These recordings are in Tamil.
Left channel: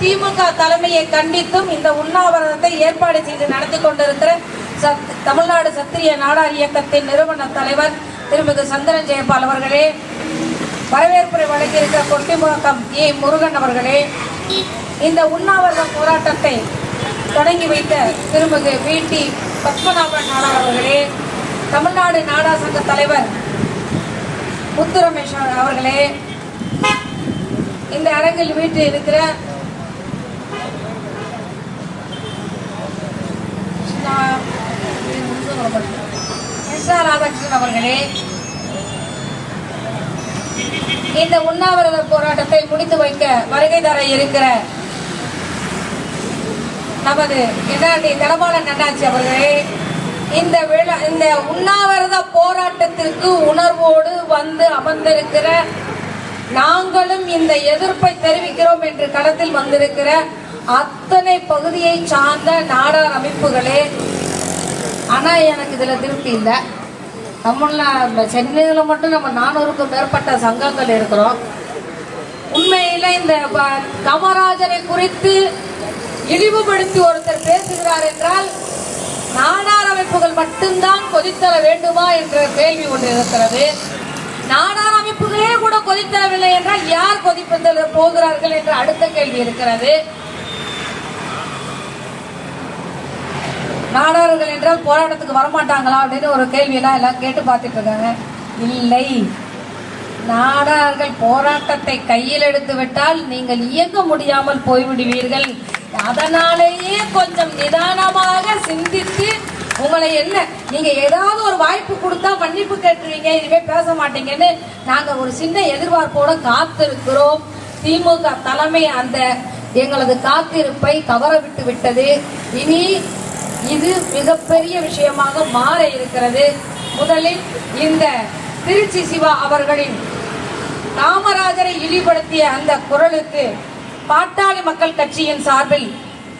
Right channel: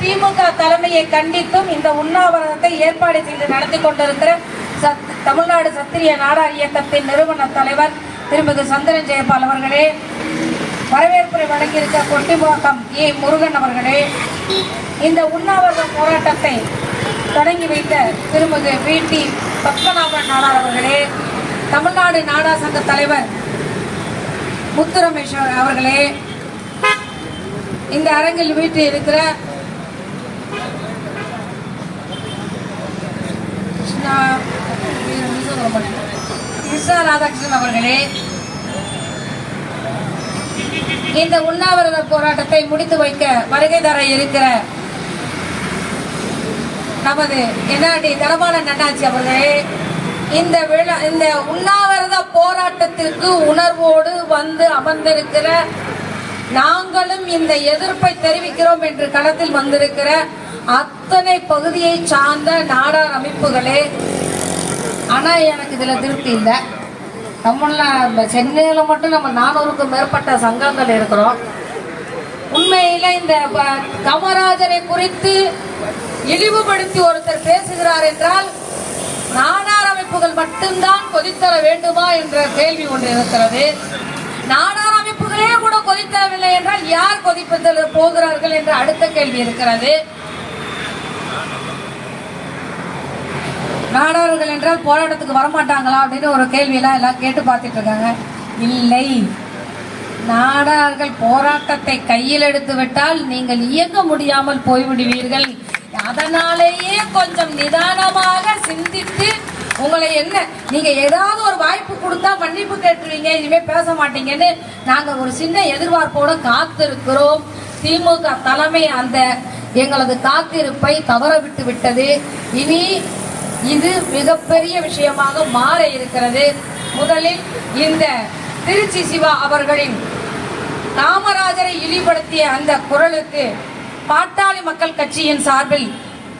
திமுக தலைமையை கண்டித்தும் இந்த உண்ணாவிரதத்தை ஏற்பாடு செய்து நடத்தி கொண்டிருக்கிற தமிழ்நாடு சத்திரிய நாடார் இயக்கத்தின் நிறுவன தலைவர் திருமதி சந்திரன் ஜெயபால் அவர்களே, வரவேற்புரை வழங்கியிருக்க கொட்டிமுழக்கம் ஏ முருகன் அவர்களே, இந்த உண்ணாவிரத போராட்டத்தை தொடங்கி வைத்த திருமதி வி.டி. பத்மநாபன் நாடார் அவர்களே, தமிழ்நாடு நாடார் சங்க தலைவர் முத்துரமேஷ் அவர்களே, இந்த அரங்கில் வீட்டில் இருக்கிற ராதாகிருஷ்ணன் அவர்களே, இந்த உண்ணாவிரத போராட்டத்தை முடித்து வைக்க வருகை தர இருக்கிற நமது என்ஆர்டி தனபாலன் அண்ணாச்சி அவர்களே, இந்த உண்ணாவிரத போராட்டத்திற்கு உணர்வோடு வந்து அமர்ந்திருக்கிற நாங்களும் இந்த எதிர்ப்பை தெரிவிக்கிறோம் என்று களத்தில் வந்திருக்கிற அத்தனை பகுதியை சார்ந்த நாடார் அமைப்புகளே. ஆனா எனக்கு இதுல திருப்தி இல்லை. சென்னையில மட்டும் நம்ம 400க்கும் மேற்பட்ட சங்கங்கள் இருக்கிறோம். உண்மையில இந்த காமராஜரை குறித்து இழிவுபடுத்தி ஒருத்தர் பேசுகிறார் என்றால் நாடார் அமைப்புகள் மட்டும்தான் கொதித்தர வேண்டுமா என்ற கேள்வி ஒன்று இருக்கிறது. நாடார் அமைப்புகளே கூட கொதித்தரவில்லை என்றால் யார் கொதிப்பதில் போகிறார்கள் என்ற அடுத்த கேள்வி இருக்கிறது. நாடார்கள் என்றால் போராட்டத்துக்கு வரமாட்டாங்களா அப்படின்னு ஒரு கேள்வியெல்லாம் எல்லாம் கேட்டு பார்த்துட்டு இருக்காங்க. இல்லை, நாடார்கள் போராட்டத்தை கையில் எடுத்து விட்டால் நீங்கள் இயங்க முடியாமல் போய்விடுவீர்கள். அதனாலேயே கொஞ்சம் நிதானமாக சிந்தித்து உங்களை என்ன நீங்க ஏதாவது ஒரு வாய்ப்பு கொடுத்தா மன்னிப்பு கேட்டுருவீங்க, இனிமே பேச மாட்டீங்கன்னு நாங்க ஒரு சின்ன எதிர்பார்ப்போட காத்திருக்கிறோம். திமுக தலைமை அந்த எங்களது காத்திருப்பை தவற விட்டு விட்டது. இனி இது மிகப்பெரிய விஷயமாக மாற இருக்கிறது. முதலில் இந்த திருச்சி சிவா அவர்களின் காமராஜரை இழிவுபடுத்திய அந்த குரலுக்கு பாட்டாளி மக்கள் கட்சியின் சார்பில்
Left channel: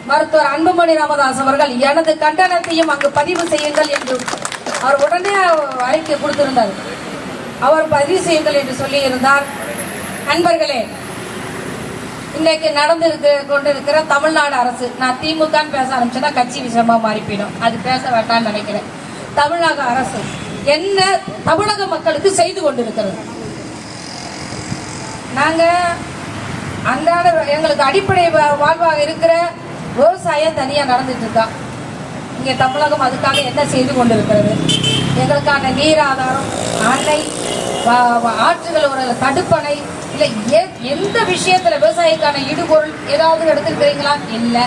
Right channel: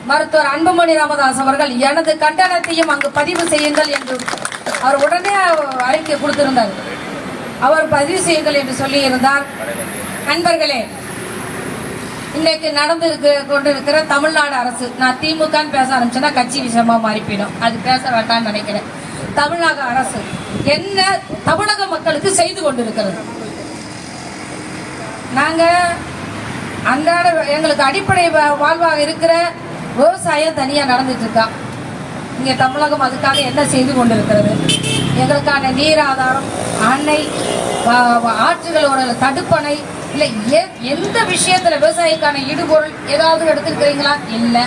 மருத்துவர் அன்புமணி ராமதாஸ் அவர்கள் எனது கண்டனத்தையும் அங்கு பதிவு செய்யுங்கள் என்று அவர் உடனே அறிக்கை கொடுத்திருந்தார். அவர் பதிவு செய்யுங்கள் என்று சொல்லி இருந்தார். நண்பர்களே, இன்னைக்கு நடந்து கொண்டிருக்கிற தமிழ்நாடு அரசு, நான் திமுக பேச ஆரம்பிச்சேன்னா கட்சி விஷயமா மாறிப்பிடும், அது பேச வேண்டாம்னு நினைக்கிறேன். தமிழக அரசு என்ன தமிழக மக்களுக்கு செய்து கொண்டிருக்கிறது? நாங்க அன்றாட எங்களுக்கு அடிப்படை வாழ்வாக இருக்கிற விவசாயம் தனியா நடந்துட்டு இருக்கா. இங்க தமிழகம் அதுக்காக என்ன செய்து கொண்டிருக்கிறது? எங்களுக்கான நீர் ஆதாரம், அணை, ஆற்றுகளோட தடுப்பணை, இல்ல எந்த விஷயத்துல விவசாயிக்கான இடுபொருள் ஏதாவது எடுத்துருக்கிறீங்களா? இல்ல.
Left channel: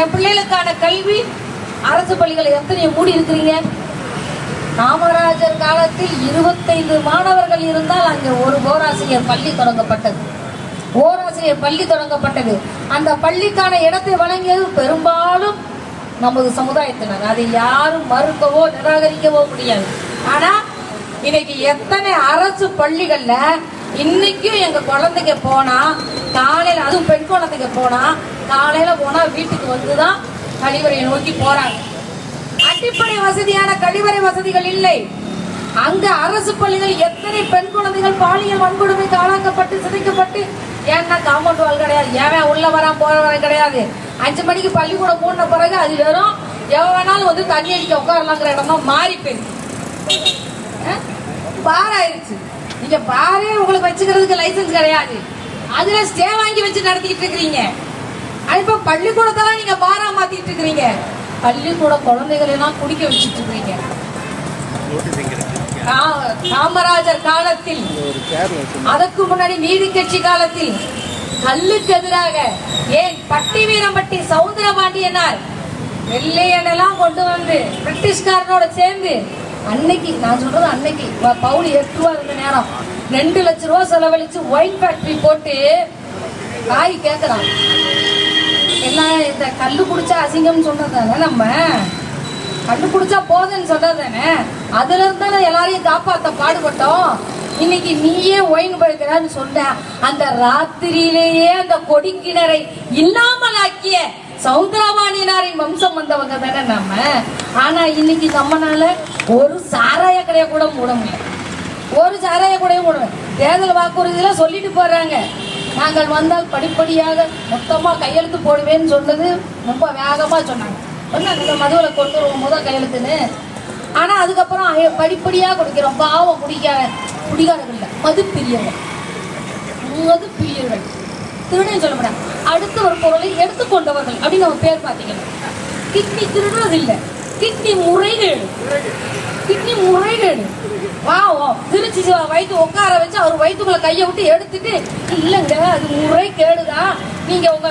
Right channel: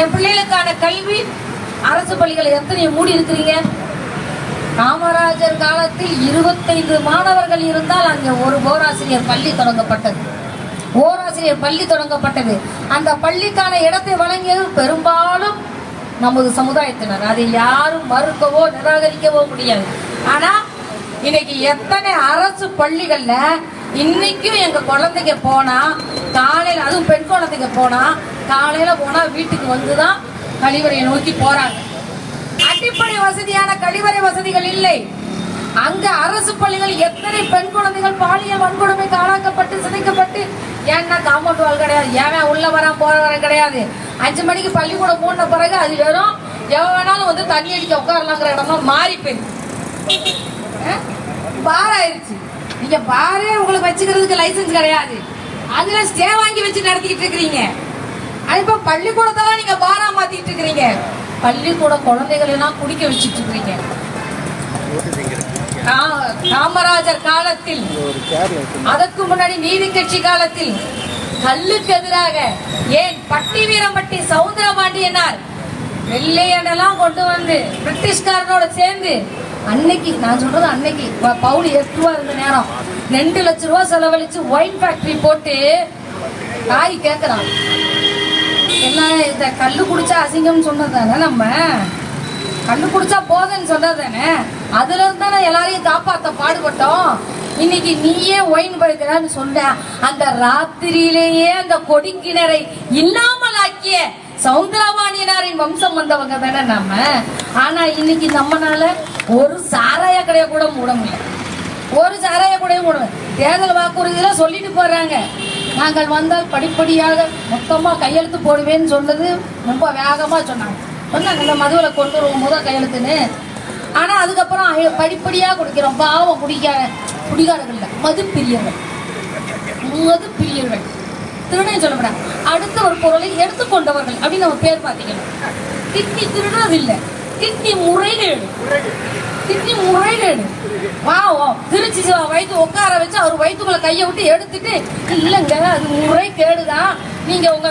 என் பிள்ளைகளுக்கான கல்வி அரசு பள்ளிகளை எத்தனை மூடி இருக்கிறீங்க? காமராஜர் காலத்தில் 25 மாணவர்கள் இருந்தால் அங்கே ஒரு ஓராசிரியர் பள்ளி தொடங்கப்பட்டது. அந்த பள்ளிக்கான இடத்தை வழங்கியது பெரும்பாலும் நமது சமுதாயத்தினர். அதை யாரும் மறுக்கவோ நிராகரிக்கவோ முடியாது. ஆனா இன்னைக்கு எத்தனை அரசு பள்ளிகள்ல இன்னைக்கும் எங்க குழந்தைங்க போனா காலையில, அதுவும் பெண் குழந்தைங்க போனா காலையில போனா வீட்டுக்கு வந்துதான் கழிவறையை நோக்கி போறாங்க. அடிப்படை வசதியான கழிவறை வசதிகள் இல்லை. அங்க அரசு பள்ளிகள் எத்தனை பெண் குழந்தைகள் பாலியல் வன்கொடுமைக்கு ஆளாக்கப்பட்டு சிதைக்கப்பட்டு, ஏன்னா காம்பவுண்ட் வால் கிடையாது, ஏன் உள்ள வரான் போற வர கிடையாது. 5 மணிக்கு பள்ளிக்கூடம் மூடின பிறகு அது வெறும் எவன் வேணாலும் வந்து தண்ணி அடிக்க உட்காரலாங்கிற இடமா மாறி போயிடுச்சு. பார் ஆயிடுச்சு. நீங்க பாரே உங்களுக்கு வச்சுக்கிறதுக்கு லைசன்ஸ் கிடையாது, அதுல ஸ்டே வாங்கி வச்சு நடத்திக்கிட்டு இருக்கிறீங்க. இப்ப பள்ளிக்கூடத்தான் நீங்க பாரா மாத்திட்டு இருக்கிறீங்க. பள்ளிக்கூட குழந்தைகள் எல்லாம் குடிக்க வச்சுட்டு இருக்கிறீங்க. காமராஜர் காலத்தில், அதற்கு முன்னாடி நீதி கட்சி காலத்தில் கல்லுக்கு எதிராக ஏன் பட்டி வீரம்பட்டி சவுந்தரபாண்டியனார் வெள்ளையனெல்லாம் கொண்டு வந்து பிரிட்டிஷ்காரனோட சேர்ந்து அன்னைக்கு, நான் சொல்றது அன்னைக்கு பவுல் 8 ரூபா இருந்த நேரம் 2 லட்சம் ரூபாய் செலவழிச்சு ஒயின் ஃபேக்டரி போட்டு காய் கேட்கிறான். எல்லாம் இந்த கல்லு குடிச்சா அசிங்கம் சொன்னதானே, நம்ம கல்லு குடிச்சா போதுன்னு சொன்னதானே, அதுல இருந்தா எல்லாரையும் காப்பாத்த பாடுபட்டோம். இன்னைக்கு நீயே ஒயின் படுக்கிறான்னு சொன்ன அந்த ராத்திரியிலேயே அந்த கொடிக்கிணரை இல்லாமல் ஆக்கிய சவுந்தரபாண்டியனாரின் வம்சம் வந்தவங்க தானே நம்ம. ஆனா இன்னைக்கு நம்மனால ஒரு சாராய கடையை கூட மூட முடியல. ஒரு சாராய கடையை மூட, தேர்தல் வாக்குறுதியில சொல்லிட்டு போறாங்க நாங்கள் வந்தால் படிப்படியாக மொத்தமாக கையெழுத்து போடுவேன்னு சொன்னது ரொம்ப வேகமாக சொன்னாங்க. இந்த மதுவில் கொண்டு வருவோம் முதல் கையெழுத்துன்னு. ஆனால் அதுக்கப்புறம் படிப்படியாக குடிக்கிறோம். பாவம் குடிகாரர்கள் இல்லை, மது பிரியர்கள். திருடன் சொல்ல முடியாது. அடுத்த ஒரு பொருளை எடுத்துக்கொண்டவர்கள் அப்படின்னு நம்ம பேர் பார்த்தீங்கன்னா கிட்னி திருடுறது இல்லை, கிட்னி முறைகேடு. திருச்சி வயிற்று உட்கார வச்சு அவர் வயிற்றுக்குள்ள கையை விட்டு எடுத்துட்டு இல்லைங்க அது முறைகேடுதான், நீங்க உங்க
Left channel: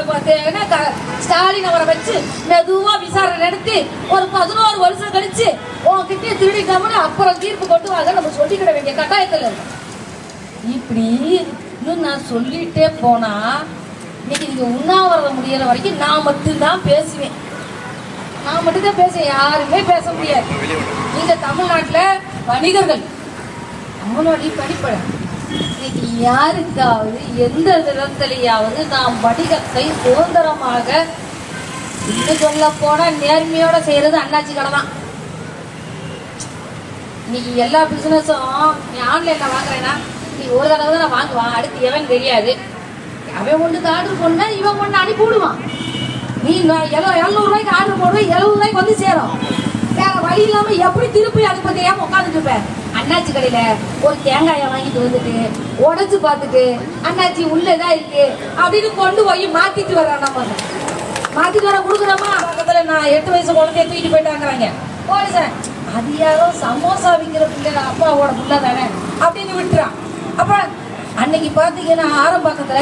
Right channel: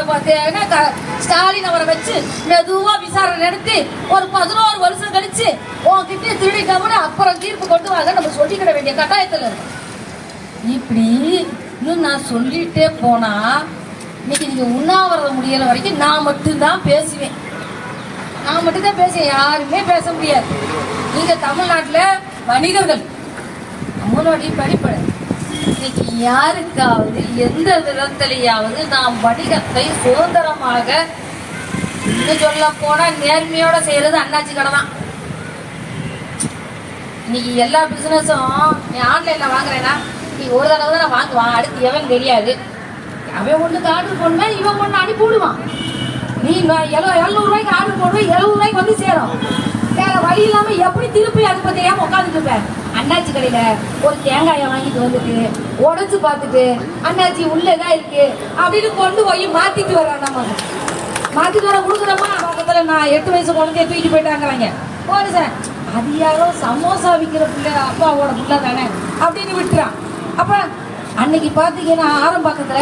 ஸ்டாலின் அவரை வச்சு மெதுவா விசாரணை நடத்தி ஒரு 11 வருஷம் கழிச்சு உங்ககிட்ட திருடிக்காம அப்புறம் தீர்ப்பு கொண்டு வாங்க நம்ம சொல்லிக்கிட வேண்டிய கட்டாயத்தில் இருக்கு. இப்படி இன்னும் நான் சொல்லிட்டே போனா இன்னைக்கு நீங்க உண்ணாவிரதம் முடியற வரைக்கும் நான் மட்டும்தான் பேசுவேன். யாருமே பேச முடியாது. நீங்க தமிழ்நாட்டில் வணிகர்கள் நம்மளுடைய படிப்பட இன்னைக்கு யாருக்காவது எந்த விதத்திலேயாவது நாம் வணிகத்தை சுதந்திரமாக இன்னும் சொல்ல போனா நேர்மையோட செய்யறது அண்ணாச்சி கடை தான். இன்னைக்கு எல்லா பிசினஸும் நீ ஆன்லைன்ல வாங்குறேன்னா நீ ஒரு தடவை தான் வாங்குவான், அடுத்து எவன் தெரியாது. அவன் ஒண்ணுக்கு ஆர்டர் பண்ணா இவன் ஒண்ணு அனுப்பி விடுவான். நீ 700 ரூபாய்க்கு ஆர்டர் போடுற 70 ரூபாய்க்கு வந்து சேரும். வேற வழி இல்லாம எப்படி திருப்பி அனுப்பதையா உட்காந்துட்டு இருப்பேன். அண்ணாச்சி கடையில ஒரு தேங்காயை வாங்கிட்டு வந்துட்டு உடச்சு பார்த்துட்டு அண்ணாச்சி உள்ளதான் இருக்கு அப்படின்னு கொண்டு போய் மாத்திட்டு வர்றான். நம்ம மாத்திட்டு வர கொடுக்குறோமா பக்கத்துல நான் 8 வயசு குழந்தைய தூக்கிட்டு போயிட்டாங்கிறாங்க. போலீசன் அது யாரோ சமோசா விற்கிற பிள்ளை அப்பாவோட பிள்ளை தானே அப்படின்னு விட்டுறான். அப்புறம் அன்னைக்கு பாத்தீங்கன்னா ஆரம்பக்கத்துல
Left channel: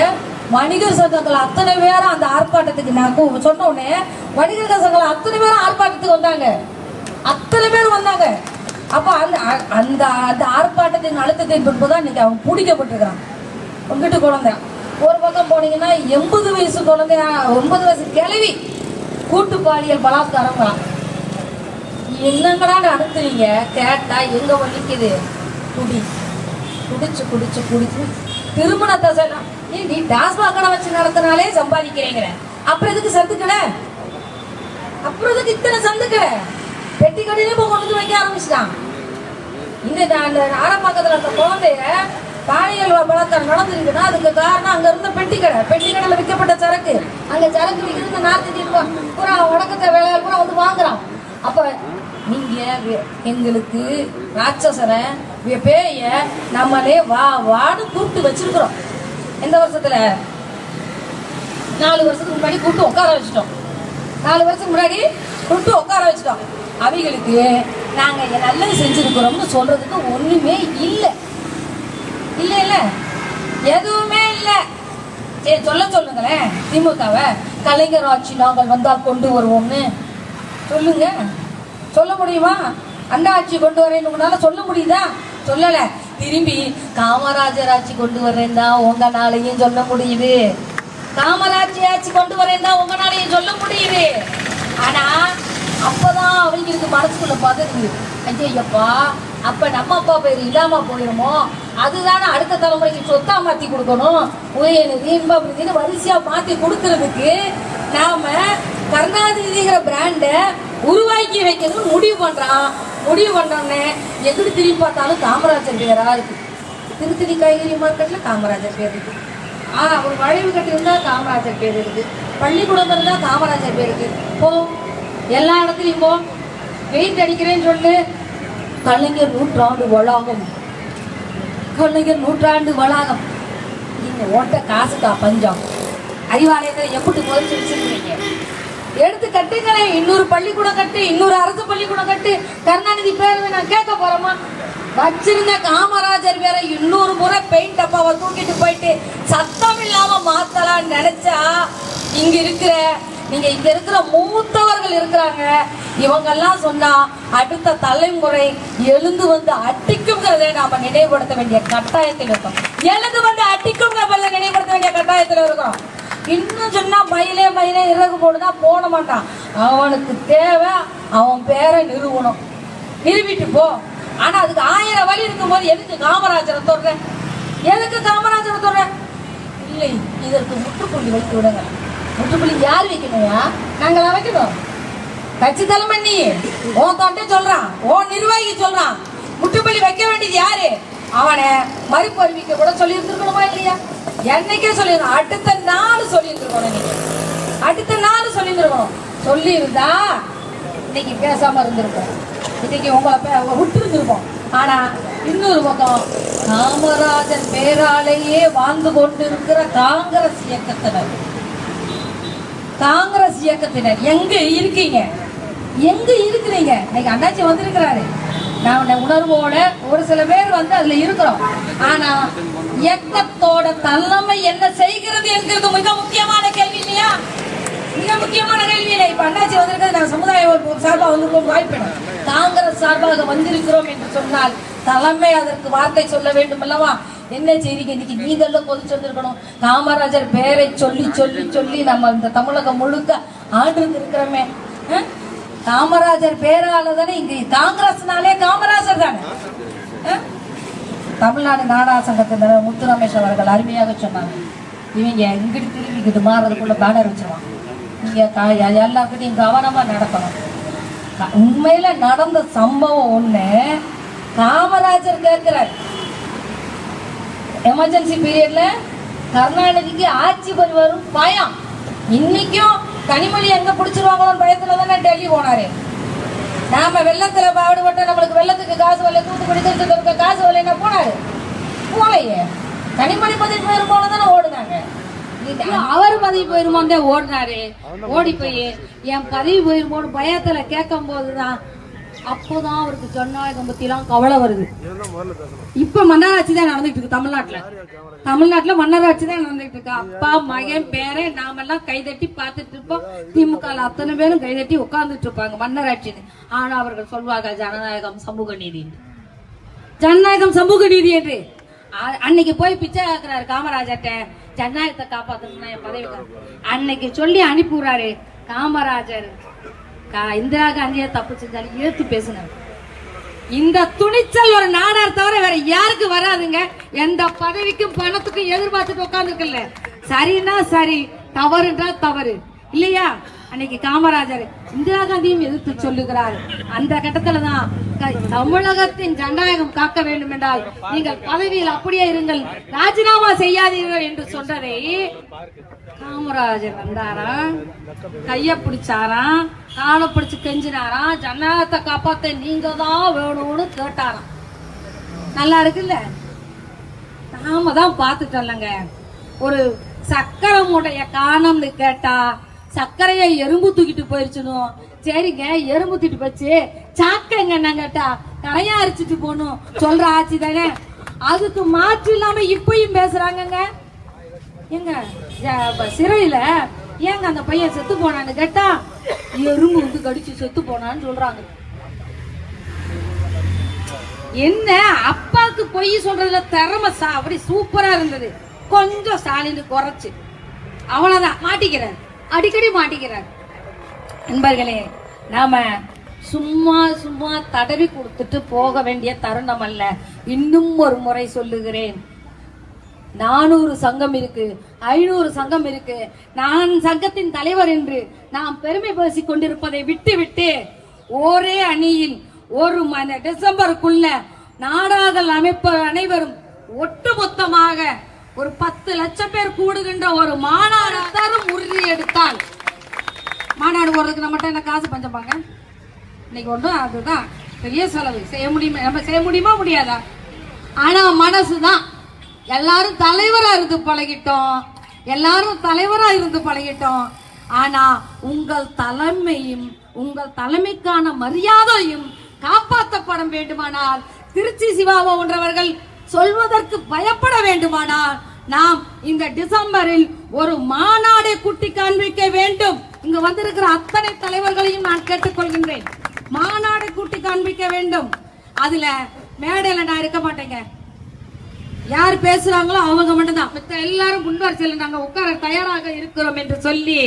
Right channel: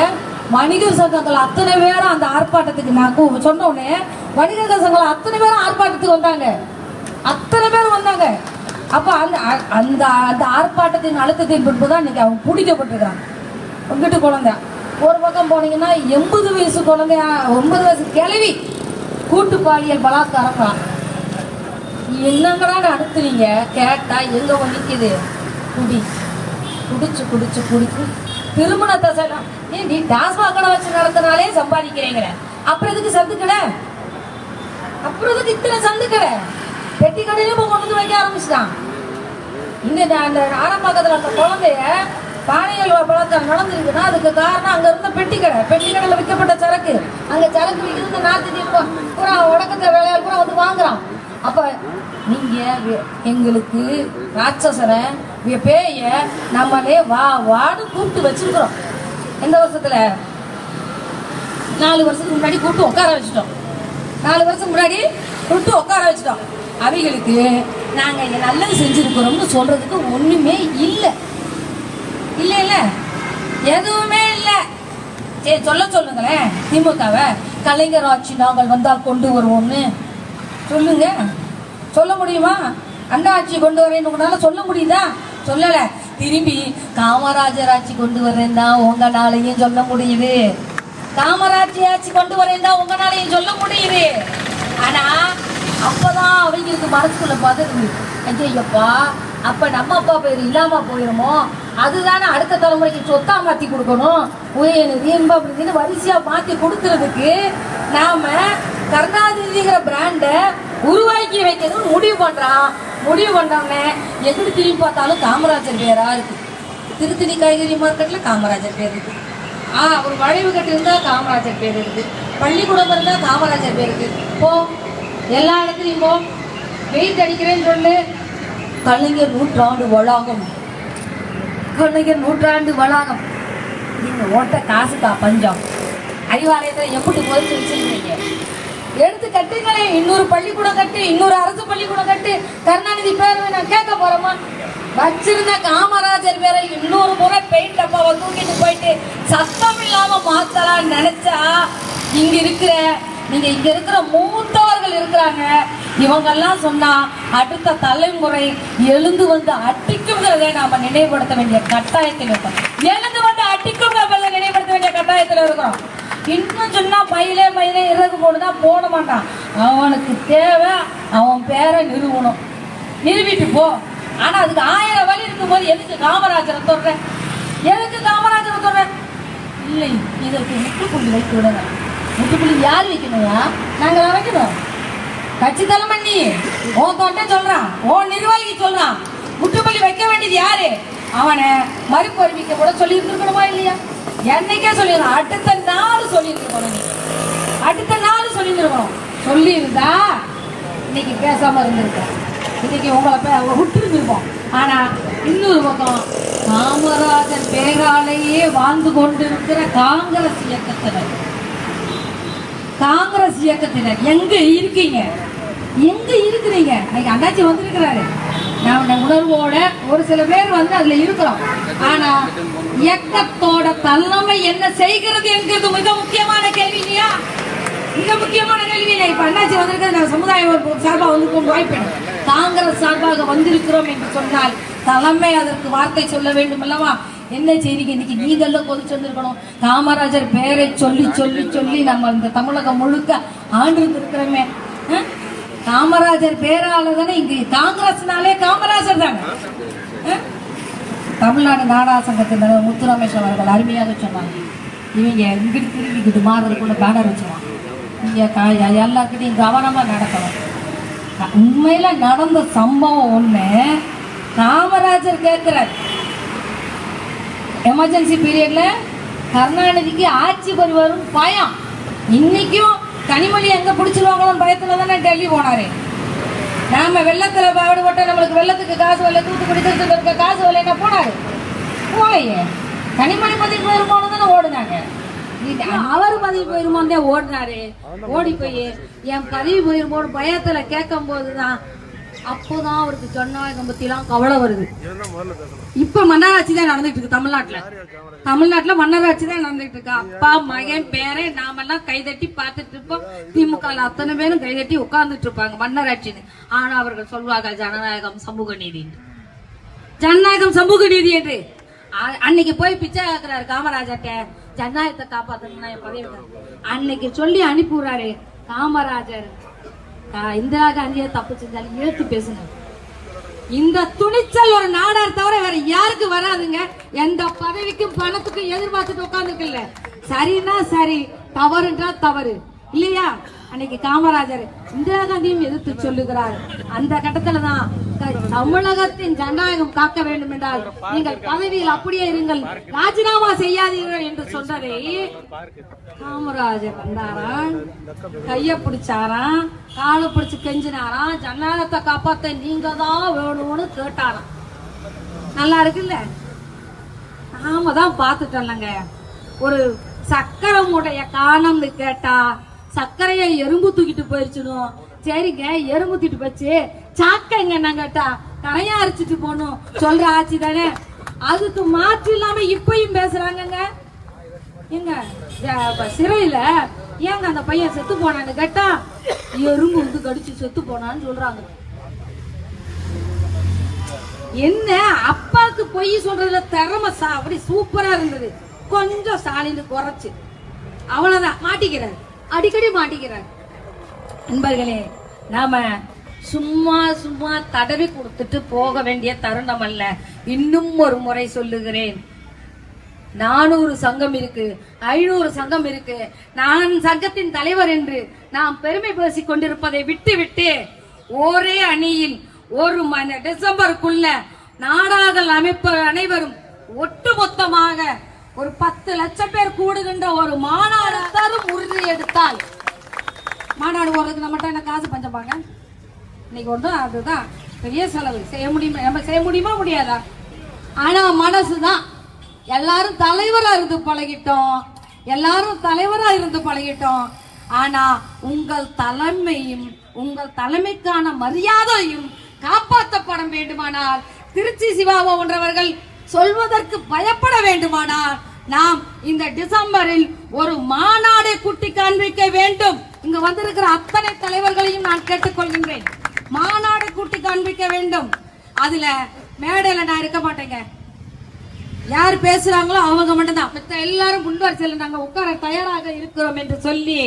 வணிகர் சங்கங்கள் அத்தனை பேரும் அந்த ஆர்ப்பாட்டத்துக்கு நான் சொன்ன உடனே வணிகர் சங்கங்கள் அத்தனை பேரும் ஆர்ப்பாட்டத்துக்கு வந்தாங்க. அப்ப அந்த அந்த அந்த ஆர்ப்பாட்டத்தின் அழுத்தத்தின் பின்புதான் இன்னைக்கு அவங்க பிடிக்கப்பட்டிருக்கிறான். உங்ககிட்ட குழந்தை ஒரு பக்கம் போனீங்கன்னா 80 வயசு குழந்தை 9 வயசு கிழவி கூட்டு பாலியல் பலாத்காரம் தான். என்னங்கடா நடத்துறீங்க கேட்டா எங்க வலிக்குது, குடிச்சு திருமணத்தை செய்யலாம். நீ டாஸ்மாக் கடை வச்சு நடத்தினாலே சம்பாதிக்கிறீங்க, அப்புறம் எதுக்கு சந்துக்கடை, அப்புறம் எதுக்கு இத்தனை சந்துக்கடை? பெட்டி கடையிலும் கொண்டு வந்து வைக்க ஆரம்பிச்சுட்டான். இந்த அந்த ஆரம்பக்கத்துல அந்த குழந்தைய பாலியல் பலாத்காரம் நடந்திருக்குன்னா அதுக்கு காரணம் அங்க இருந்த பெட்டி கடையில விற்கப்பட்ட சரக்கு. அங்க சரக்கு விற்கிறது நார்த்து தீர்ப்போம் பூரா உடக்கத்தை வேலையால் பூரா வந்து வாங்குறான். அப்ப நீங்க எங்களுக்கு ராட்சசனை பேய நம்மளே வாடு கூப்பிட்டு வச்சிருக்கிறோம். எந்த வருஷத்துல 4 வருஷத்துக்கு முன்னாடி கூப்பிட்டு உட்கார வச்சுட்டோம். 4 வருஷம் முன்னாடி கூப்பிட்டு உட்கார வச்சுட்டோம். அவைகளுக்கு நாங்க நல்லது செஞ்சிருக்கிறோம்னு சொல்றதுக்கு ஒண்ணுமே இல்லை, எதுவுமே இல்லை. சரி சொல்லுங்களேன், திமுகவை கலைஞர் ஆட்சி நாங்கள் வந்தால் கொண்டு வருவோம்னு சொல்லுங்க. சொல்ல முடியுமா? அண்ணா ஆட்சி கொண்டு வரேன்னு சொல்ல முடியுதா? சொல்லல. திரும்பி காமராஜர் ஆட்சி கொண்டு வரேன் தான் உங்களாலையும் சொல்ல முடியுது. காமராஜ் ஆட்சி கொண்டு வரேன் தான் உங்களாலையும் சொல்ல முடியுது. ஆனா அப்பதான் அவங்களுக்கு மனசுக்குள்ள பதறுது, ஐயப்பா அப்ப நம்ம அப்பா பேர் இல்லாம போயிருமோ, அதுதானே அடுத்த தலைமுறைக்கு சொத்தா மாத்தி கொடுக்கணும், உதயநிதி இன்பநிதினு வரிசையா மாத்தி கொடுக்கறதுக்கு நாம கருணாநிதிங்கிற பிராண்ட உருவாக்கி வைக்கணும்னு முடிவு பண்ணோம்னே எங்கிட்டு திரும்பி பார்த்தாலும் காமராஜர் பேரா இருக்கு. திருத்தணி காய்கறி மார்க்கெட்ல காமராஜர் பேர் இருக்கு, ஒரு வளைவு கட்டு இருந்தா காமராஜர் பேர் இருக்கு, பள்ளிக்கூடம் இருந்தா காமராஜர் பேர் இருக்கு. போ எல்லா இடத்துலையும் போ, வெயிட் அடிக்கிறேன்னு சொல்லு. கலைஞர் நூற்றாண்டு வளாகம் நீங்க ஓட்ட காசுக்கா பஞ்சம்? அறிவாலயத்தில் எப்படி போயிட்டு வச்சிருக்கீங்க? எடுத்து கட்டுங்களேன், இன்னொரு பள்ளிக்கூடம் கட்டு, இன்னொரு அரசு பள்ளிக்கூடம் கட்டு. கருணாநிதி பேர் நான் கேட்க போறோமா? வச்சிருந்த காமராஜர் பேரை இன்னொரு முறை பெயிண்ட் டப்பாவை தூக்கிட்டு போயிட்டு சத்தம் இல்லாம மாத்தலாம் நினைச்சா இங்க இருக்கிற மூத்தவர்கள் இருக்கிறாங்க. இவங்கெல்லாம் சொன்னா அடுத்த தலைமுறை எழுந்து வந்து அட்டிக்குங்கிறத நாம நினைவுபடுத்த வேண்டிய கட்டாயத்தில் இருக்கோம். எழுந்து வந்து அட்டிக்குங்க நினைவுபடுத்த வேண்டிய கட்டாயத்தில் இருக்கிறோம். இன்னும் சொன்னா மயிலே இறகு போடுதான் போட மாட்டான். அவனுக்கு தேவை அவன் பேரை நிறுவிட்டு போ. ஆனா அதுக்கு 1000 வழி இருக்கும் போது எதுக்கு காமராஜரை சொல்ற? இல்லை, இதற்கு முற்றுப்புள்ளி வைத்து விடுங்க. முற்றுப்புள்ளி யார் வைக்கணுமா? நாங்களா வைக்கணும்? கட்சி தலைமை நீ உன் தொண்டை சொல்றான், உன் நிர்வாகி சொல்றான். முற்றுப்புள்ளி வைக்க வேண்டியது யாரு? அவனை மறுப்பு அறிவிக்க கூட சொல்லி இருக்கணுமா இல்லையா? என்னைக்கே சொல்லிருக்கணும், அடுத்த நாள் சொல்லியிருக்கணும். நீங்க அடுத்த நாள் சொல்லியிருக்கணும். சொல்லியிருந்தா இன்னைக்கு பேசாம இருந்திருக்கோம், இன்னைக்கு உங்களை விட்டு இருந்திருப்போம். ஆனா இன்னொரு பக்கம் காமராஜர் பேராலேயே வாழ்ந்து கொண்டிருக்கிற காங்கிரஸ் இயக்கத்தினர் எங்க இருக்கீங்க? எங்க இருக்கிறீங்க? இன்னைக்கு அண்ணாச்சி வந்திருக்கிறாரு, நான் உணர்வோட ஒரு சில பேர் வந்து அதுல இருக்கிறோம். ஆனா இயக்கத்தோட தலைமை என்ன செய்கிறது என்கிறது மிக முக்கியமான கேள்வி இல்லையா? மிக முக்கியமான கேள்வி. இப்ப அண்ணாச்சி வந்திருக்கிறது நாங்கள் சமுதாய சார்பாக வந்திருக்கோம், வாய்ப்பு காங்கிரஸ் சார்பாக வந்திருக்கிறோம் என்று சொன்னால் தலைமை அதற்கு வார்த்தை சொல்ல வேண்டும் அல்லவா? என்ன செய்திக்கு இன்னைக்கு நீதெல்லாம் கொதிச்சு வந்திருக்கணும். காமராஜர் பேரை சொல்லி சொல்லி சொல்லி நம்ம இந்த தமிழகம் முழுக்க ஆண்டு இருக்கிறோமே. காமராஜர் பேரால தானே இங்கு காங்கிரஸ்னாலே காமராஜர் தானே. தமிழ்நாடு நாடக சங்கத்தினர் முத்துரமேஷ் அவர்கள் அருமையாக சொன்னாங்க, இவங்க இங்கிட்டு திரும்பிக்கிட்டு மாறுறதுக்குள்ள பேனர் வச்சுருவாங்க, நீங்க எல்லாருக்கிட்டையும் கவனமா நடக்கணும். உண்மையில நடந்த சம்பவம் ஒண்ணு. காமராஜர் கேட்கிறார், எமர்ஜென்சி பீரியட்ல கருணாநிதிக்கு ஆட்சி வருவதும் பயம். இன்னைக்கும் கனிமொழி எங்க பிடிச்சிருவாங்களோ பயத்துல தானே டெல்லி போனாரு. நாம வெள்ளத்துல பாடுபட்ட நம்மளுக்கு வெள்ளத்துக்கு காசு வரல, தூத்துக்குடி திருத்த காசு வரல போனாரு, போலையே. கனிமொழி பதவி போயிருக்கோம் தானே ஓடுனாங்க. அவர் பதவி போயிருமோந்தே ஓடினாரு. ஓடி போய் என் பதவி போயிருமோன்னு பயத்துல கேட்கும் போதுதான் அப்போதான் அவருக்கு ஜனநாயகம் பத்தி எல்லாம் கவலை வருது. இப்ப மன்னராட்சி தான் நடந்துட்டு இருக்கு தமிழ்நாட்டுல மன்னராட்சி தான் நடந்துட்டு இருக்கு. அப்பா மகன் பேரை நாமெல்லாம் கைதட்டி பார்த்துட்டு இருப்போம். திமுக அத்தனை பேரும் கைதட்டி உட்கார்ந்துட்டு இருப்பாங்க மன்னராட்சின்னு. ஆனா அவர்கள் சொல்வாங்க ஜனநாயகம் சமூக நீதி, ஜனநாயகம் சமூக நீதி என்று. அன்னைக்கு போய் பிச்சை கேட்கிறாரு காமராஜர்ட்ட, ஜனநாயகத்தை காப்பாத்தணும் என் பதவி. அன்னைக்கு சொல்லி அனுப்பிடுறாரு காமராஜர். இந்திரா காந்தியை தப்பு செஞ்சாலும் இழுத்து பேசினார். இந்த துணிச்சல் ஒரு நாடார் தவிர வேற யாருக்கு வராதுங்க. எந்த பதவிக்கும் பணத்துக்கும் எதிர்பார்த்துட்டு உட்கார்ந்துருக்கல. சரின்னா சரி, தவறுன்றா தவறு இல்லையா? அன்னைக்கு காமராஜர் இந்திரா காந்தியும் எதிர்த்து சொல்லுகிறார். அந்த கட்டத்துல தான் தமிழகத்தின் ஜனநாயகம் காக்க வேண்டும் என்றால் நீங்கள் பதவியில் அப்படியே இருங்கள், ராஜினாமா செய்யாதீர்கள் என்று சொன்னதை காமராஜர் வந்தாரா, கைய பிடிச்சாராம், காலை பிடிச்சு கெஞ்சினாரா, ஜனநாயகத்தை காப்பாத்த நீங்க தான் வேணும்னு கேட்டாராம். நல்லா இருக்குல்ல? நாம தான் பாத்துட்டோம்லங்க. ஒரு சக்கரை மூடைய காணம்னு கேட்டா சர்க்கரையை எறும்பு தூக்கிட்டு போயிருச்சுனோ, சரிங்க எறும்பு தூக்கிட்டு போச்சு, சாக்கங்க என்ன கேட்டா கரையா அரைச்சிட்டு போகணும் சொல்ற ஆட்சி தானே. அதுக்கு மாற்று இல்லாம இப்பயும் பேசுறாங்க. எங்க சிறையில ஏங்க அந்த பையன் செத்து போனான்னு கேட்டா எறும்பு வந்து கடிச்சு செத்து போனான்னு சொல்றாங்க. என்ன அப்பாவுக்கு பொய் சொல்றதுல திறமை அப்படி சூப்பரா இருந்தது. கொஞ்சம் ஸ்டாலின் குறைச்சு அவ்வளவுதான் மாட்டிக்கிறார், அடிக்கடி மாட்டிக்கிறார். நண்பர்களே, நாம சும்மா சும்மா தடவி கொடுத்துட்டு போக வேண்டிய தருணம் அல்ல. இன்னும் ஒரு முறை சொல்லுகிறேன், 400 சங்கம் இருக்கு, 500 சங்கம் இருக்கு, நான் சங்கத்தின் தலைவர் என்று நாம் பெருமை பேசிக் கொண்டிருப்பதை விட்டு விட்டு ஒரே அணியில் ஒரு டிசம்பருக்குள்ள நாடார்கள் அமைப்பு அனைவரும் ஒட்டுமொத்தமாக ஒரு 10 லட்சம் பேர் கூடுகின்ற ஒரு மாநாடு தரும் உறுதி எடுத்தால், மாநாடு போறதுக்கு நம்மகிட்ட என்ன காசு பஞ்சப்பாங்க இன்னைக்கு ஒன்றும். அதுதான் பெரிய செலவு. செய்ய முடியுமா? நம்ம செய்ய முடியுமா? முடியாதா? ஆனா மனசுதான். எல்லாரும் தலைவரா இருந்து பழகிட்டோம். ஆனா உங்கள் தலைமையும் உங்கள் தலைமைக்கான மரியாதையும் காப்பாற்றப்பட வேண்டுமானால், திருச்சி சிவா போன்றவர்கள் சொல்வதற்கு பயப்பட வேண்டுமானால், நாம் இந்த டிசம்பரில் ஒரு மாநாடை கூட்டி காண்பிக்க வேண்டும். இங்கு வந்திருக்கிற அத்தனை தலைவர்களையும் நான் கேட்டுக்கொள்கின்றேன், மாநாடை கூட்டி காண்பிக்க வேண்டும். அதுல மேடையில நான் இருக்க மாட்டேங்க, யார் பேசுறாங்களோ அவங்க மட்டும்தான். மற்ற எல்லாரும் முன்வரிசையில் நாங்க உட்கார தயாராக இருக்கிறோம் என்று சொல்லி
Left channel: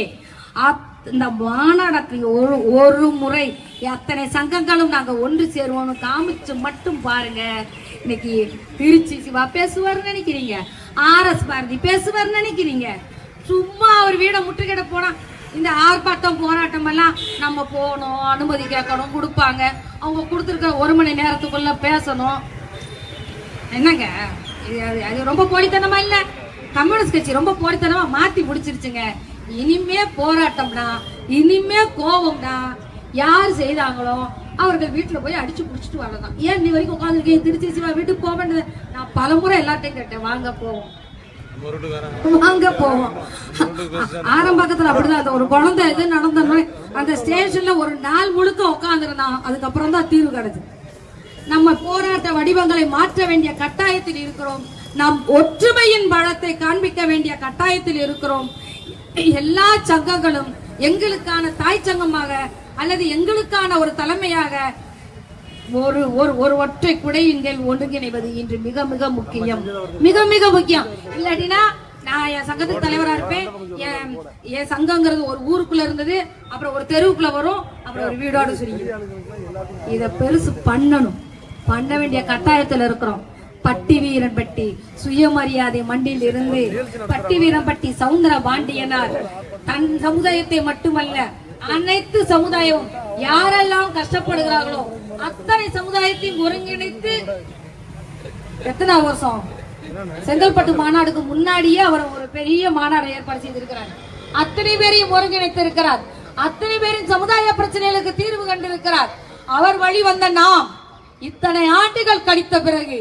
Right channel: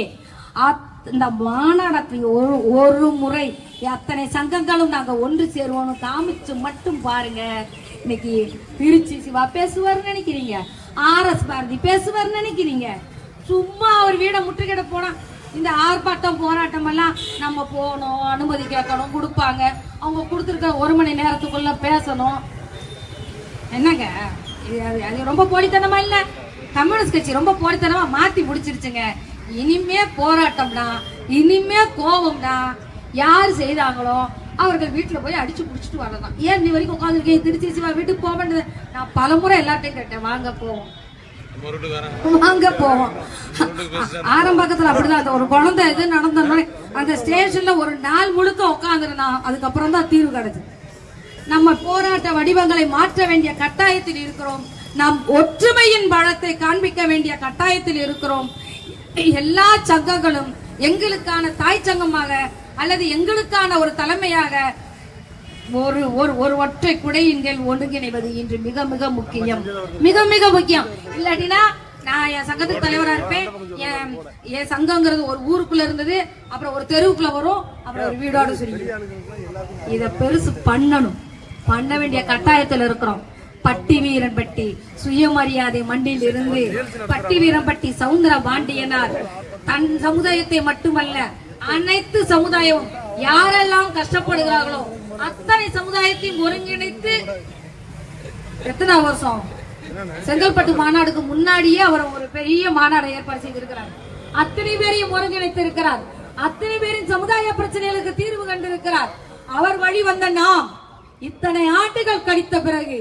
இந்த மாநாடத்தில் ஒரு முறை அத்தனை சங்கங்களும் நாங்க ஒன்று சேருவோம் காமிச்சு மட்டும் பாருங்க. இன்னைக்கு திருச்சி சிவா பேசுவார் நினைக்கிறீங்க, RS பாரதி பேசுவார் நினைக்கிறீங்க. சும்மா அவர் வீட முற்றுகிட போனா இந்த ஆர்ப்பாட்டம் போராட்டம் எல்லாம் நம்ம போகணும், அனுமதி கேட்கணும், கொடுப்பாங்க. அவங்க கொடுத்துருக்க 1 மணி நேரத்துக்குள்ள பேசணும். என்னங்க அது ரொம்ப போலித்தனமா இல்ல? கம்யூனிஸ்ட் கட்சி ரொம்ப போடுத்தனமா மாத்தி முடிச்சிருச்சுங்க. இனிமே போராட்டம்னா, இனிமே கோபம்னா யார் செய்தாங்களோ அவர்கள் வீட்டுல போய் அடிச்சு புடிச்சிட்டு வரலாம். ஏன் நீ வரைக்கும் உட்காந்து திருச்சி நான் வீட்டுக்கு போக வேண்டியது. நான் பலமுறை எல்லாத்தையும் கேட்டேன், வாங்க போவோம் வாங்க போவோம். ஆரம்பத்துல அப்படிதான் ஒரு குழந்தை எது நடந்தோம்னா அந்த ஸ்டேஷன்ல ஒரு நாள் முழுக்க உட்காந்துருந்தான். அதுக்கப்புறம் தான் தீர்வு கிடைச்சு. நம்ம போராட்ட வடிவங்களை மாற்ற வேண்டிய கட்டாயத்தில் இருக்கிறோம். நாம் ஒற்றுமையின் பலத்தை காண்பிக்க வேண்டிய கட்டாயத்தில் இருக்கிறோம். எல்லா சங்கங்களும் எங்களுக்கான தாய் சங்கமாக அல்லது எங்களுக்கான ஒரு தலைமையாக ஒரு ஒற்றை குடையின் கீழ் ஒருங்கிணைவது இன்று மிக மிக முக்கியம், மிக மிக முக்கியம். இல்லாட்டினா நான் என் சங்கத்துக்கு தலைவரா இருப்பேன். என் சங்கங்கிறது ஒரு ஊருக்குள்ள இருந்தது, அப்புறம் ஒரு தெருவுக்குள்ள வரும், அப்புறம் ஒரு வீடோடு சொல்லி இத பெருசு பண்ணணும். பண்ண வேண்டிய கட்டாயத்தில் இருக்கிறோம். பட்டி வீரன்பட்டி சுயமரியாதை மண்டியில் இருந்து பட்டி வீரன்பட்டி சவுந்தர பாண்டியனார் தன் சமுதாயத்தை மட்டுமல்ல அனைத்து சமுதாயம் யாரெல்லாம் கஷ்டப்படுகிறார்களோ அத்தனை சமுதாயத்தையும் ஒருங்கிணைத்து எத்தனை வருஷம் செங்கல்பட்டு மாநாடுக்கு முன்னாடியே அவர் ஒரு பெரிய மாநாடு ஏற்பாடு செய்திருக்கிறார். அத்தனை பேரையும் ஒருங்கிணைத்து இருக்கிறார். அத்தனை பேரின் சமுதாய பிரச்சனைகளுக்கு தீர்வு கண்டிருக்கிறார். அவர் வழி வந்த நாம் இத்தனை ஆண்டுகள் கழித்த பிறகு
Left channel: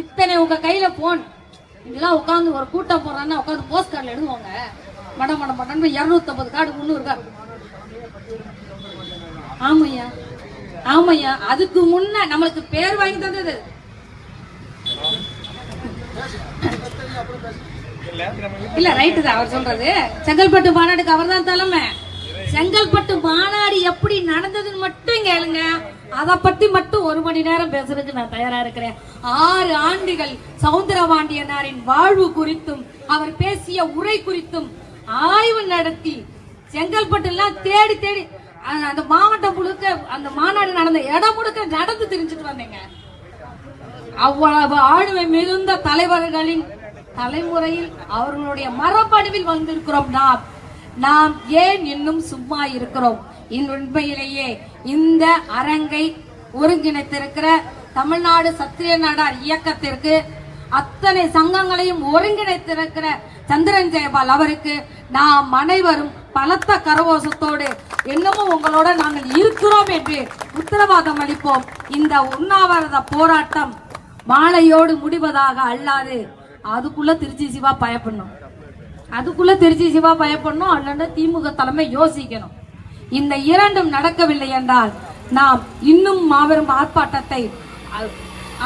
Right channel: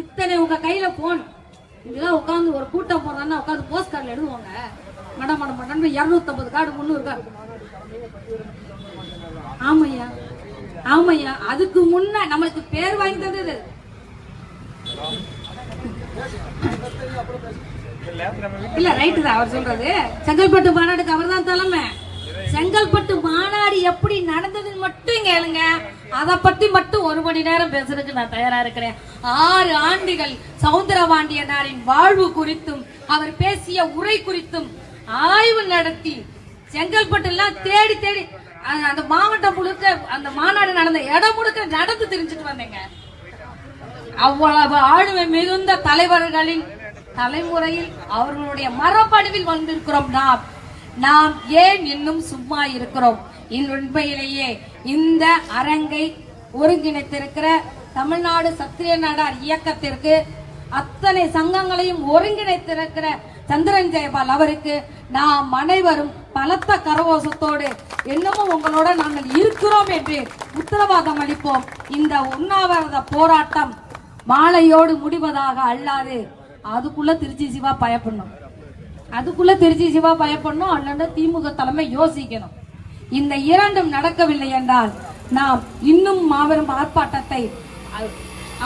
இத்தனை உங்க கையில போன் இதெல்லாம் உட்காந்து ஒரு கூட்டம் போறான்னா உட்காந்து போஸ்ட் கார்டு எழுதுவாங்க. மடம் மடம் மடம் 250 கார்டு 300 கார்டு. ஆமையா ஆமையா அதுக்கு முன்ன நம்மளுக்கு பேர் வாங்கி தந்தது இல்ல. ரைட்டு தான் அவர் சொல்றது. செங்கல்பட்டு மாநாடுக்கு அவர் தான் தலைமை. செங்கல்பட்டு மாநாடு எப்படி நடந்ததுன்னு மட்டும் கேளுங்க. அதை பத்தி மட்டும் 1 மணி நேரம் பேசுறதுக்கு நான் தயாரா இருக்கிறேன். 6 ஆண்டுகள் சவுந்தரபாண்டியனாரின் வாழ்வு குறித்தும் அவர் பேசிய உரை குறித்தும் ஆய்வு நடத்தி செங்கல்பட்டு எல்லாம் தேடி தேடி அந்த மாவட்டம் முழுக்க அந்த மாநாடு நடந்த இடம் முழுக்க நடந்து தெரிஞ்சுட்டு வந்தேங்க. அவ்வளவு ஆளுமை மிகுந்த தலைவர்களின் தலைமுறையில் அவர்களுடைய மரபணுவில் வந்திருக்கிறோம். நாம் ஏன் இன்னும் சும்மா இருக்கிறோம்? உண்மையிலேயே இந்த அரங்கை ஒருங்கிணைத்திருக்கிற தமிழ்நாடு சத்திரிய நாடார் இயக்கத்திற்கு அத்தனை சங்கங்களையும் ஒருங்கிணைத்திருக்கிற சந்திரன் ஜெயபால் அவருக்கு நாம் அனைவரும் பலத்த கரகோஷத்தோடு இன்னமும் உங்களோட நாங்கள் இருக்கிறோம் என்று உத்தரவாதம் அளிப்போம். இந்த உண்ணாவிரத போராட்டம் மாலையோடு முடிவதாக அல்லாது அதுக்குள்ள திருச்சி சிவா பயப்படணும். அண்ணன் திமுக தலைமை யோசிக்கணும். இந்த இரண்டும் நடக்கவில்லை என்றால் நாம் இன்னும் மாபெரும் ஆர்ப்பாட்டத்தை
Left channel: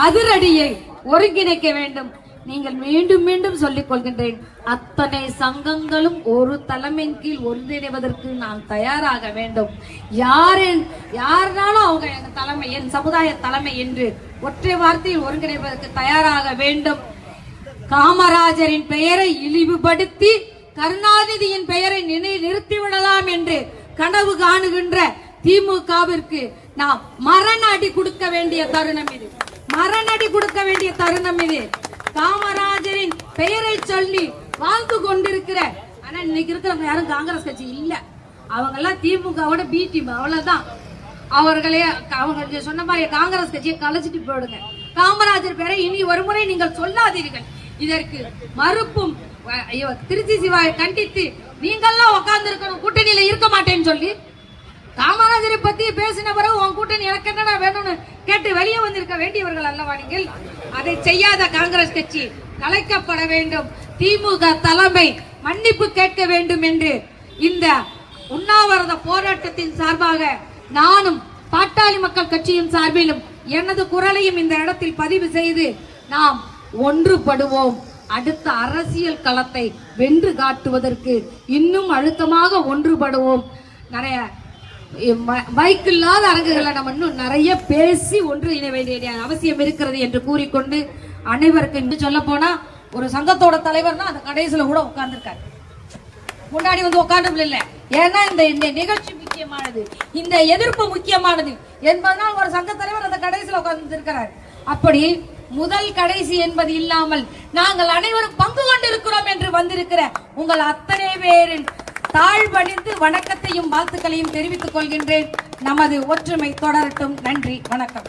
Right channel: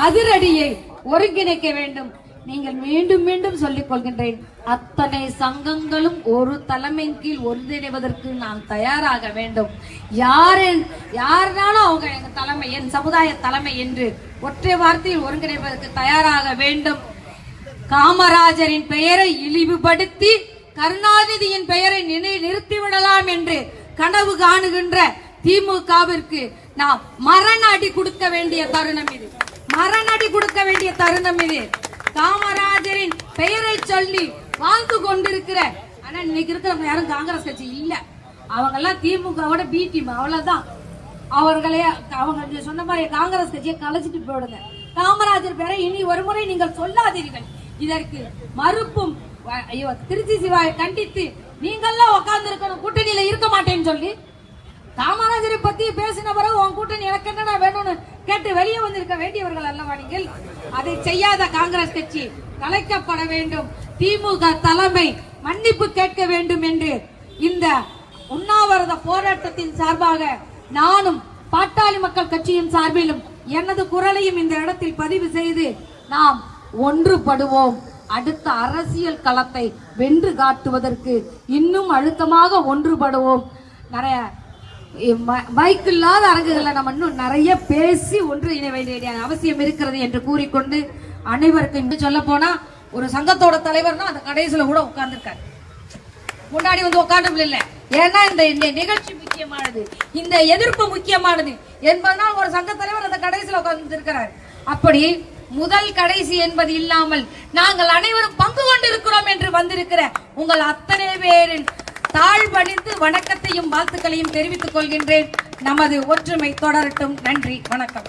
அதிரடியை ஒருங்கிணைக்க வேண்டும். நீங்கள் மீண்டும் மீண்டும் சொல்லிக் கொள்கின்றேன், அத்தனை சங்கங்களும் ஒரு தலைமையின் கீழ் ஒன்றிணைவதற்கு நாம் தயாராக வேண்டும். யாருனாலும் அவங்க என் தலைமை, என் சமுதாய தலைமை என்று ஒற்றை வார்த்தையில் ஒருங்கிணைப்பதற்கு தயாராக வேண்டும். காமராஜரின் பெயரை இழிவுபடுத்தி கருணாநிதியின் பெயரை நிறுத்திவிடலாம் என்று கனவு காணுகின்ற திமுகவிற்கு நாம் மரணடி கொடுக்க வேண்டிய தருணம் இது. காமராஜரின் பெயரை சொல்லி வாழ்ந்து கொண்டிருக்கிற ஆனா இன்னைக்கு இருக்கிறவங்க யாரும் காங்கிரஸ் கட்சி இல்ல. அவங்க எல்லாம் திமுகவோட பி டீம், அவ்வளவுதான். அவங்க சொன்ன மாதிரி காங்கிரஸ் கட்சியை கலைச்சிட்டு போயிடுங்க. காமராஜர் பெயரை இனி ஒருமுறை நீங்கள் சொல்லாதீர்கள். இதற்கு மறுப்பும் திருச்சி சிவாயை கண்டித்து நீங்கெல்லாம் உட்கார்ந்து இருக்கணும், கூட்டணியில இருக்க மாட்டேன்னு சொல்லி காமராஜரை பத்தி பேசின பிறகு உன் கூட்டணி எனக்கு என்னடா வேணும்னு கேட்டு வெளியே வந்திருக்க வேண்டியவர்கள் அல்லவா நீங்கள்? அதை செய்யாத காங்கிரஸ் கட்சி கலைக்கப்பட வேண்டும். திமுக தலைமை மன்னிப்பு கேட்க வேண்டும் என்று இந்த உண்ணாவிரத போராட்டத்தின் சார்பாக நானும் பாட்டாளி மக்கள் கட்சியின் சார்பிலும் எனது குரலையும் இந்த இடத்தில் பதிவு செய்து நாம் ஒன்றுபடுவோம். அடுத்த அரசியல் களத்தை வென்று காட்டுவதற்கு இன்னும் அழுத்தமாக ஒன்றுபடுவோம். நிறைய மைக் இல்லாத அரங்குகளை நம்ம இன்னும் நிறைய பேசி ஒன்றிணைய வேண்டிய அவசியம் இருக்கிறது என்று கூறிக்கொண்டு அனைவருக்கும் சொல்ல போனா ஒரு சங்கத்தோட தலைவர் தான் அந்த கடைசியில கூட உட்கார்ந்துருக்காரு. முன்னாடி வந்து உட்கார்ந்து இல்ல. ஏன்னா இந்த நிகழ்ச்சி முக்கியமானது, இந்த எதிர்ப்பு முக்கியமானது என்பதனால் ஒரு சங்க தலைவர் அந்த கடைசியில உட்கார்ந்து இருக்கிறார். அப்படி முதல் கடைசி என்பது இல்லாமல் நாங்கள் அனைவரும் பங்கு கொண்டிருக்கிறோம் என்று வந்திருக்கிற உங்கள் அத்தனை பேரின் தாழ்வணிந்து வணக்கத்தையும் வாழ்த்துக்களையும் தெரிவித்துக் கொள்கின்றேன். நமது ஒற்றுமை தொடரட்டும். நன்றி, வணக்கம்.